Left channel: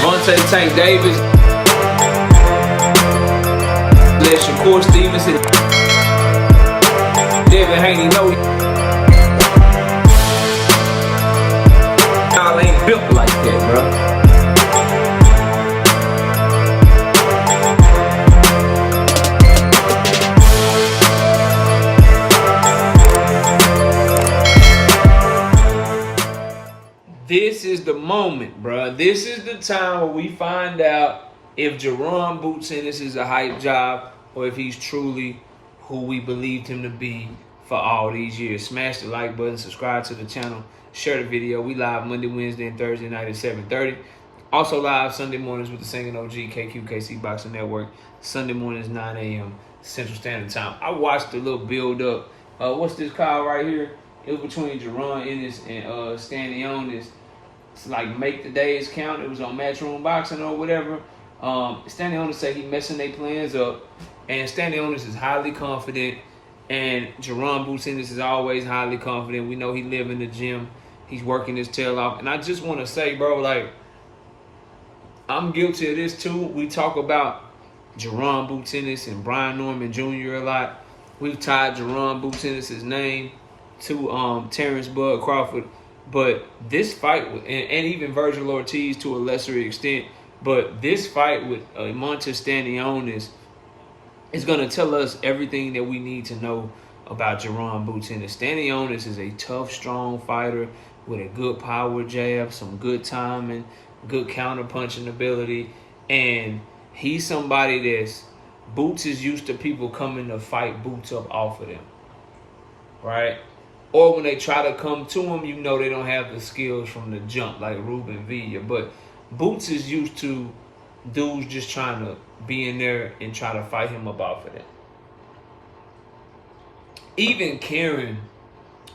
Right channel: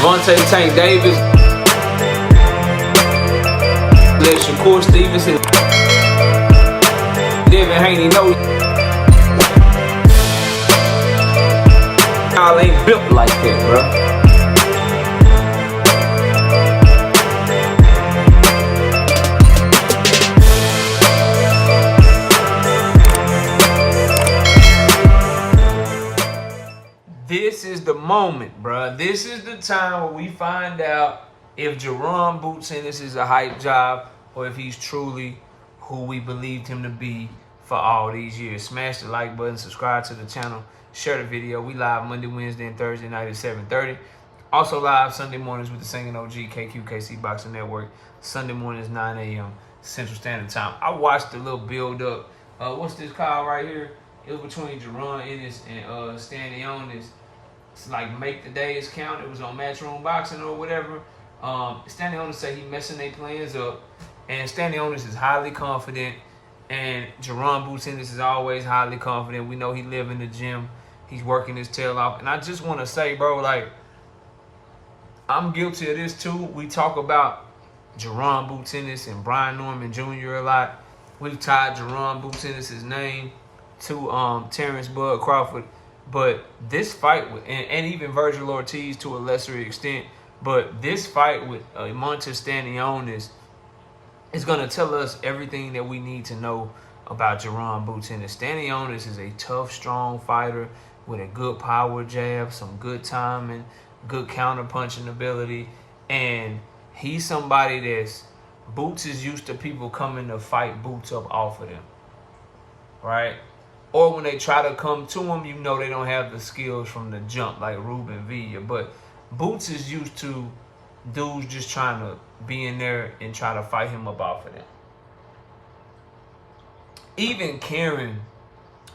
Devontae Tank Davis. Let Shakur Stevenson. Devin Haney know y'all ain't built like that, bro. This is the moment, bro. This is the time where we find out if Jaron Boots Ennis is a hype job or if he's truly who we believed him to be for all these years. Smash the like button, subscribe to the channel, share the video. We live Monday, Wednesday, and Thursday night at 7:30. Also live Sunday mornings with the Singing OG, KQKC Boxing Network. Sunday mornings, 9 a.m. Central Standard Time. I watched the little build-up. What's this call right here? It was between Jaron Ennis and Stanionis. It's like Make the Days Count. It was on Matchroom Boxing or whatever. Stanionis said he messing their plans up. And Stanionis is highly confident. And Jaron Boots Ennis is always highly confident. We know he live in the gym. He's working his tail off. And I just want to say, bro, like, I'm guilty of this too. We talk about Jaron Boots Ennis and Brian Norman Jr. a lot. We've tied Jaron Boots Ennis' name to Terrence Bud Crawford. But this fight, and even Virgil Ortiz to a lesser extent, but this fight with Emantis Stanionis is going to tell us everything that we need to know about Jaron Boots Ennis. Stanionis is a tough, strong fighter with a good power jab, some good timing, good counter-punching ability, and he's somebody that's, Boots is used to people coming to fight Boots up off of them, right? Or when they try to come to him, you know they don't have the skills from the jump like Ruben Villa. But Boots is used to dudes just trying to be in there and try to fight him up off of them. Even Karen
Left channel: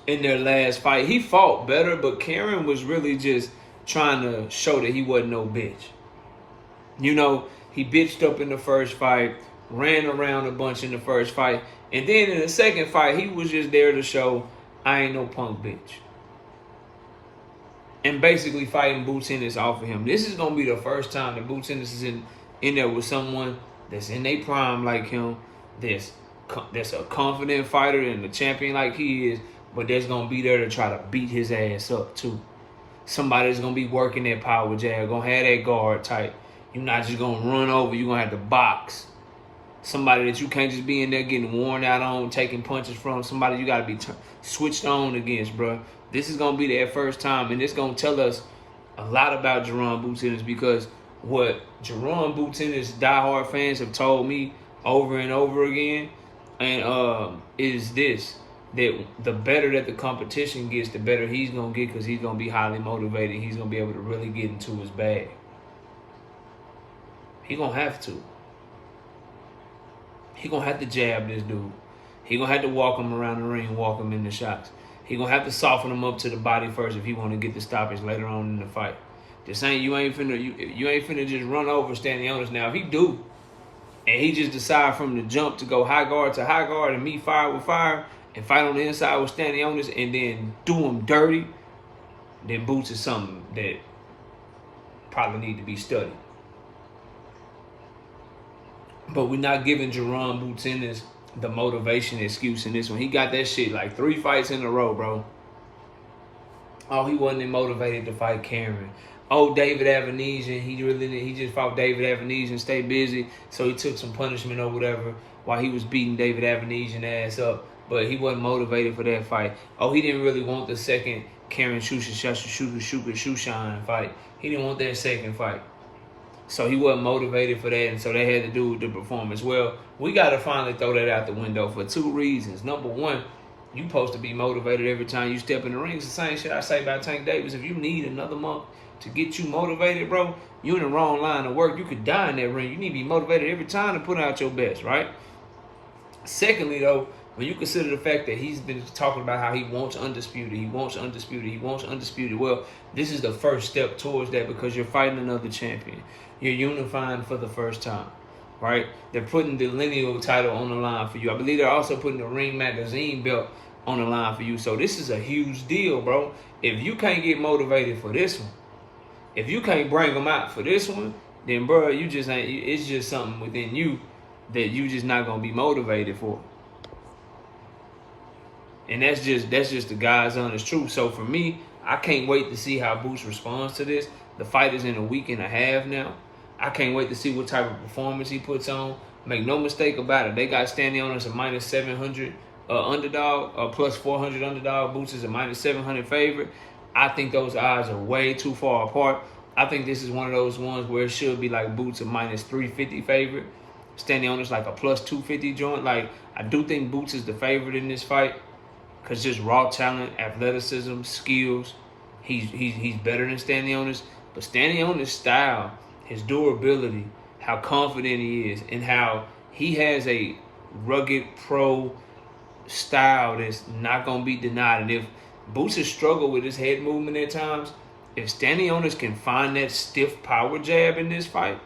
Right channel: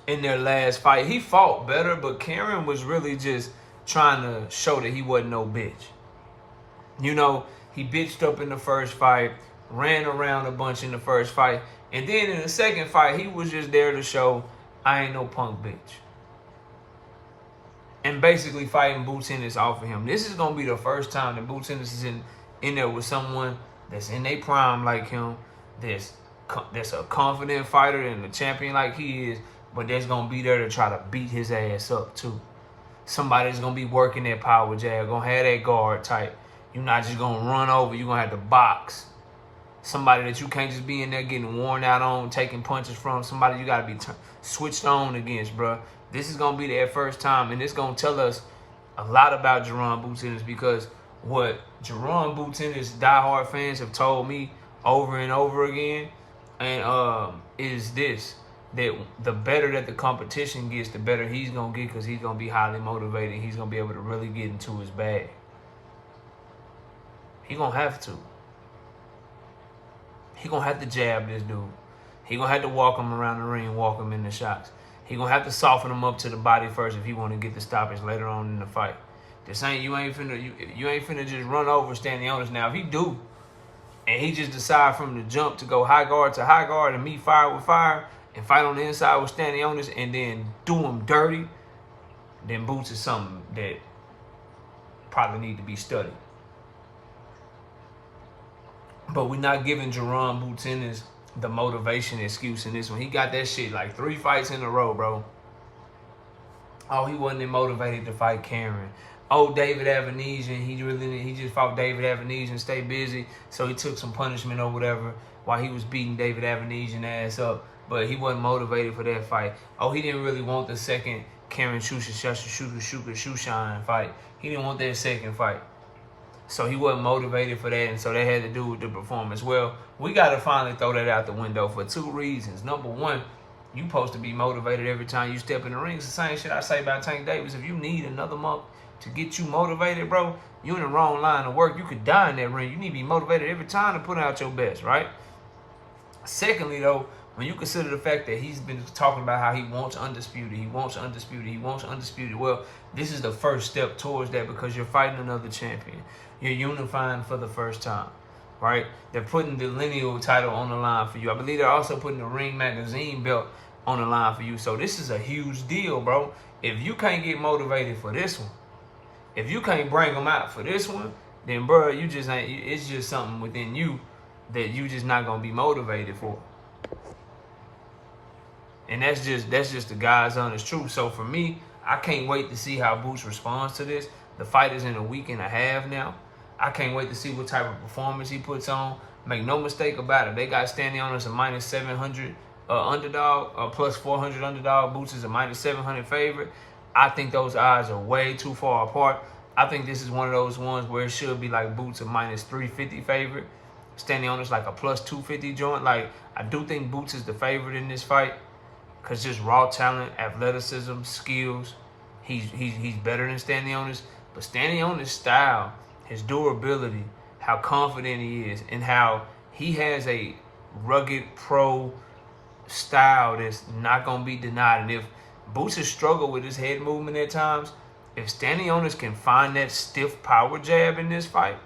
in their last fight, he fought better, but Karen was really just trying to show that he wasn't no bitch. You know, he bitched up in the first fight, ran around a bunch in the first fight, and then in the second fight, he was just there to show, I ain't no punk bitch. And basically fighting Boots Ennis off of him. This is going to be the first time that Boots Ennis is in there with someone that's in their prime like him, that's a confident fighter and a champion like he is, but that's going to be there to try to beat his ass up too. Somebody's going to be working that power jab, going to have that guard tight. You're not just going to run over, you're going to have to box. Somebody that you can't just be in there getting worn out on, taking punches from. Somebody you got to be switched on against, bro. This is going to be their first time, and it's going to tell us a lot about Jaron Boots Ennis, because what Jaron Boots Ennis diehard fans have told me over and over again and is this, that the better that the competition gets, the better he's going to get, because he's going to be highly motivated. He's going to be able to really get into his bag. He's going to have to. He gonna have to jab this dude. He gonna have to walk him around the ring, walk him in the shots. He gonna have to soften him up to the body first if he want to get the stoppage later on in the fight. This ain't, you ain't finna just run over Stanionis. Now, if he do, and he just decide from the jump to go high guard to high guard and meet fire with fire and fight on the inside with Stanionis and then do him dirty, then Boots is something that probably need to be studied. But we're not giving Jaron Boots Ennis the motivation excuse in this one. He got that shit like 3 fights in a row, bro. Oh, he wasn't motivated to fight Karen. Oh, David Avenesian, he just fought David Avenesian, stay busy, so he took some punishment or whatever while he was beating David Avenesian ass up. But he wasn't motivated for that fight. Oh, he didn't really want the second Karen Shushan fight. He didn't want that second fight. So he wasn't motivated for that, and so they had to do with the performance. Well, we got to finally throw that out the window for 2 reasons. Number one, you supposed to be motivated every time you step in the ring. It's the same shit I say about Tank Davis. If you need another month to get you motivated, bro, you're in the wrong line of work. You could die in that ring. You need to be motivated every time to put out your best, right? Secondly, though, when you consider the fact that he's been talking about how he wants undisputed, he wants undisputed, he wants undisputed, well, this is the first step towards that, because you're fighting another champion. You're unifying for the first time, right? They're putting the lineal title on the line for you. I believe they're also putting the Ring Magazine belt on the line for you. So this is a huge deal, bro. If you can't get motivated for this one, If you can't bring them out for this one, then bro, you just ain't. It's just something within you that you just not gonna be motivated for. And that's just the God's honest truth. So for me, I can't wait to see how Boots responds to this. The fight is in a week and a half now. I can't wait to see what type of performance he puts on. Make no mistake about it. They got Stanionis a minus 700 underdog, plus 400 underdog. Boots is a minus 700 favorite. I think those odds are way too far apart. I think this is one of those ones where it should be like Boots a minus 350 favorite. Stanionis like a plus 250 joint. Like, I do think Boots is the favorite in this fight. Because just raw talent, athleticism, skills, he's better than Stanionis. But Stanionis' style, his durability, how confident he is, and how he has a rugged pro style that's not going to be denied. And if Boots has struggled with his head movement at times, if Stanionis can find that stiff power jab in this fight,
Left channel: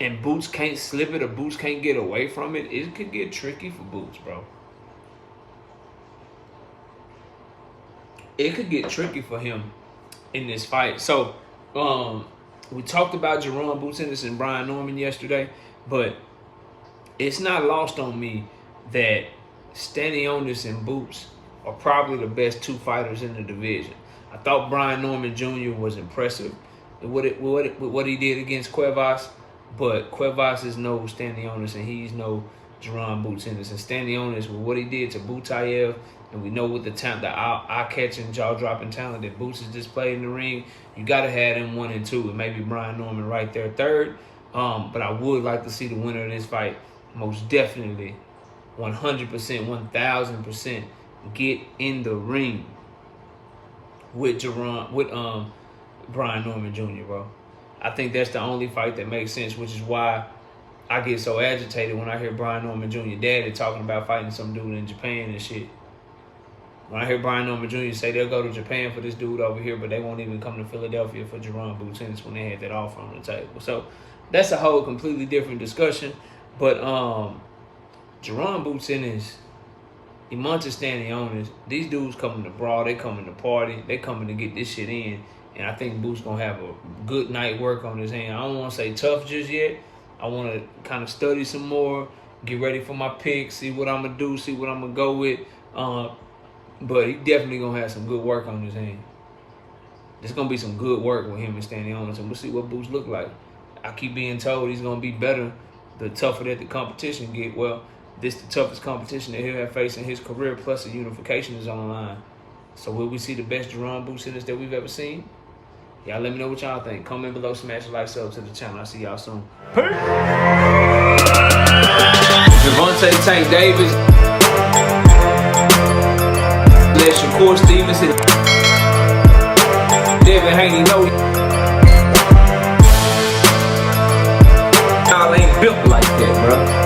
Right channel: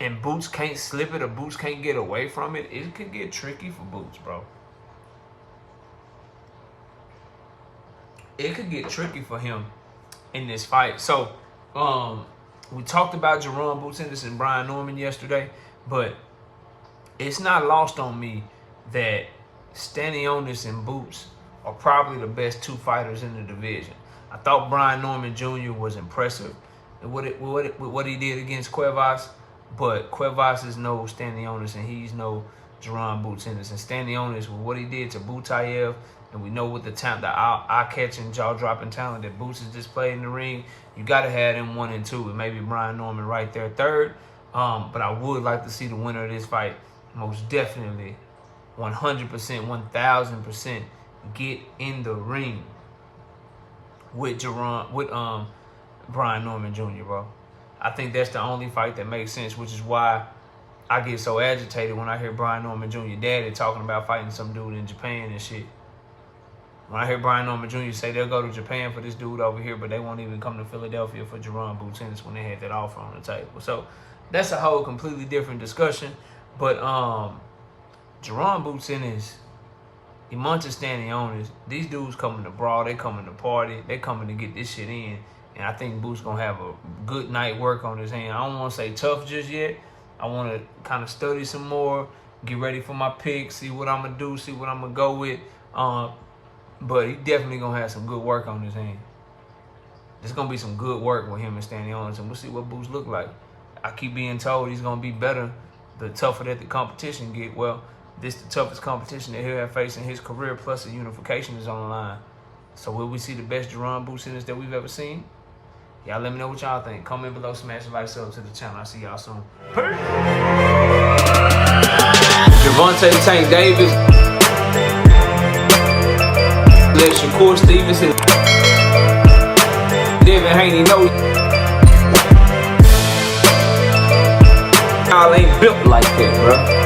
and Boots can't slip it or Boots can't get away from it, it could get tricky for Boots, bro. It could get tricky for him in this fight. So, we talked about Jaron Boots Ennis and Brian Norman yesterday, but it's not lost on me that Stanionis and Boots are probably the best two fighters in the division. I thought Brian Norman Jr. was impressive with what he did against Cuevas, but Cuevas is no Stanionis and he's no Jaron Boots Ennis. And Stanionis, with what he did to Butayev, and we know what the eye-catching, jaw-dropping talent that Boots has displayed in the ring, you got to have them 1 and 2, and maybe Brian Norman right there third. But I would like to see the winner of this fight most definitely 100%, 1,000% get in the ring with Brian Norman Jr., bro. I think that's the only fight that makes sense, which is why I get so agitated when I hear Brian Norman Jr. daddy talking about fighting some dude in Japan and shit. When I hear Brian Norman Jr. say they'll go to Japan for this dude over here, but they won't even come to Philadelphia for Jaron Boots Ennis when they had that offer on the table. So that's a whole completely different discussion. But Jaron Boots Ennis, Emantis Stanionis, these dudes coming to brawl, they coming to party, they coming to get this shit in. And I think Boots gonna have a good night work on his hand. I don't want to say tough just yet. I want to kind of study some more, get ready for my picks, see what I'm gonna do, see what I'm gonna go with. But he definitely gonna have some good work on his hand. There's gonna be some good work with him and Stanionis, and we'll see what Boots look like. I keep being told he's gonna be better the tougher that the competition get. Well, this the toughest competition that he'll have faced in his career, plus the unification is on the line. So will we see the best Jaron Boots Ennis that we've ever seen? Y'all let me know what y'all think. Comment below, smash the like, sub to the channel. I'll see y'all soon. Peace. Gervonta Tank Davis. Let Shakur Stevenson. Devin Haney know y'all ain't built like that, bro.